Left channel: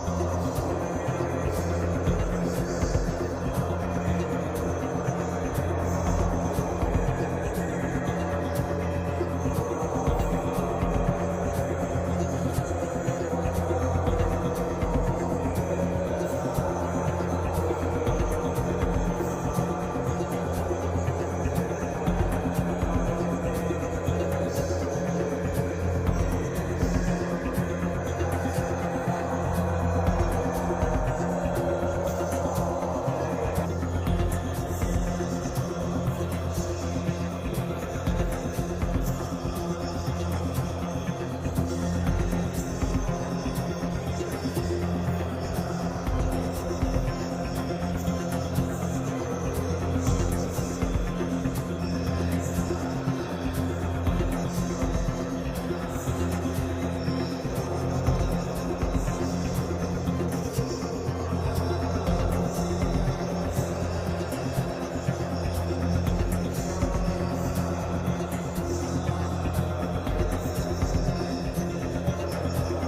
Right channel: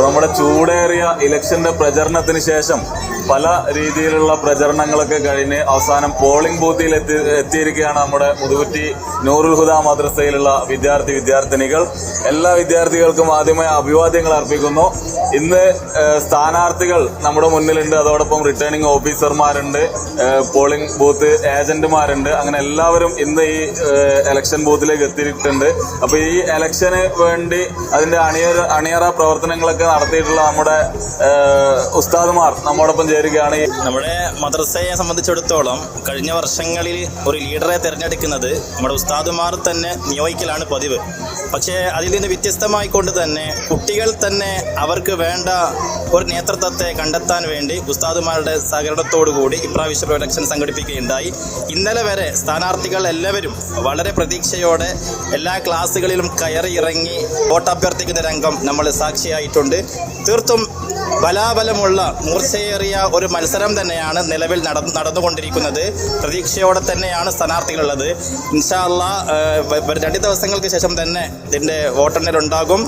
അപ്പോൾ നമ്മുടെ ചൂടേറിയ ഇലക്ഷന്റെ പ്രചരണത്തിന് ശേഷം പല രീതിയിലുള്ള പ്രചരണങ്ങളൊക്കെ കഴിഞ്ഞ് അവസാനം പോളിംഗ് ബൂത്തിൽ എത്തി എത്തിയിരിക്കുകയാണ് നമ്മുടെ മുതുകുറ്റി നൂറുൽ ഹുദ മദ്രസയിലുള്ള വിദ്യാർത്ഥി വിദ്യാർത്ഥിനികൾ. എല്ലാ വിദ്യാർത്ഥികൾക്കും ആദ്യമായി അഭിവാദ്യങ്ങൾ അർപ്പിക്കുന്നു. ഇന്ന് സ്ഥാനാർത്ഥികൾ നമ്മുടെ മുന്നിലുണ്ട്. അതോടൊപ്പം റിട്ടേണിംഗ് ഓഫീസർമാരുണ്ട് പോളിംഗ് ബൂത്ത് ഏജന്റുമാരുണ്ട് അങ്ങനെ എല്ലാവരും ഇന്ന് ഈ എലക്ഷൻ ബൂത്തിലേക്ക് എത്തിയിട്ടുണ്ട്. അപ്പോൾ ഈ എലക്ഷന് വേണ്ടി അതിന്റെ അണിയറ അണിയറ പ്രവർത്തനങ്ങളൊക്കെ നടത്തിയിട്ടുള്ള നമ്മുടെ ഉസ്താദ്മാർ നമ്മോടൊപ്പം ചേരുകയാണ്. നമ്മുടെ മദ്രസയെ സംബന്ധിച്ചിടത്തോളം കഴിഞ്ഞ വർഷങ്ങളിൽ ഒരു ലീഡറെ തിരഞ്ഞെടുക്കുന്നത് നമ്മുടെ ഉസ്താദുമാർ തന്നെ നിയോഗിക്കലാണ് പതിവ്. പക്ഷേ അതിൽ നിന്ന് വ്യത്യസ്തമായിക്കൊണ്ട് തന്നെ കുട്ടികൾ തന്നെ അവർക്ക് വേണ്ട ഒരു നേതൃത്വത്തെ കണ്ടെത്താൻ വേണ്ടി ഉസ്താദുമാരുടെ സഹകരണത്തോടു കൂടി ഇപ്രാവശ്യം ഇലക്ഷൻ സംഘടിപ്പിക്കുകയുണ്ടായി. ഇന്നലെ വരെ സ്ഥാനാർത്ഥികൾ എല്ലാവരും വളരെ പ്രതീക്ഷയോടെ എല്ലാ ക്ലാസ്സുകളിലും കയറി ഇറങ്ങി വോട്ടഭ്യർത്ഥിക്കുന്ന രംഗം നമ്മൾ സാക്ഷിയായിട്ടുണ്ട്. തീർത്തും ബലാബലമുള്ള മൂർച്ചയേറിയ ഒരു മത്സരം തന്നെയാണ് നിലവിൽ നടന്നു നടന്നുകൊണ്ടിരിക്കുന്നത്. പ്രതീക്ഷയോടെ തന്നെയാണ് സ്ഥാനാർത്ഥികളുള്ളത്. ഇൻഷാല്ല രണ്ട് ദിവസങ്ങൾക്ക് ശേഷം തന്നെ ഇതിന്റെ വോട്ടെണ്ണൽ ഉണ്ടാകും.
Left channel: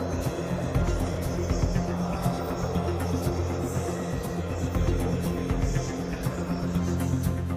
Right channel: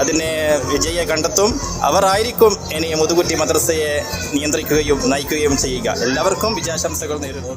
അതിനെ വിജയെ കണ്ടെത്തും. അവരായിരിക്കും ഇനി മുതുകുറ്റി മദ്രസയെ നിയന്ത്രിക്കുകയും നയിക്കുകയും ചെയ്യുക. എല്ലാവർക്കും വിജയാശംസകൾ നേരുന്നു.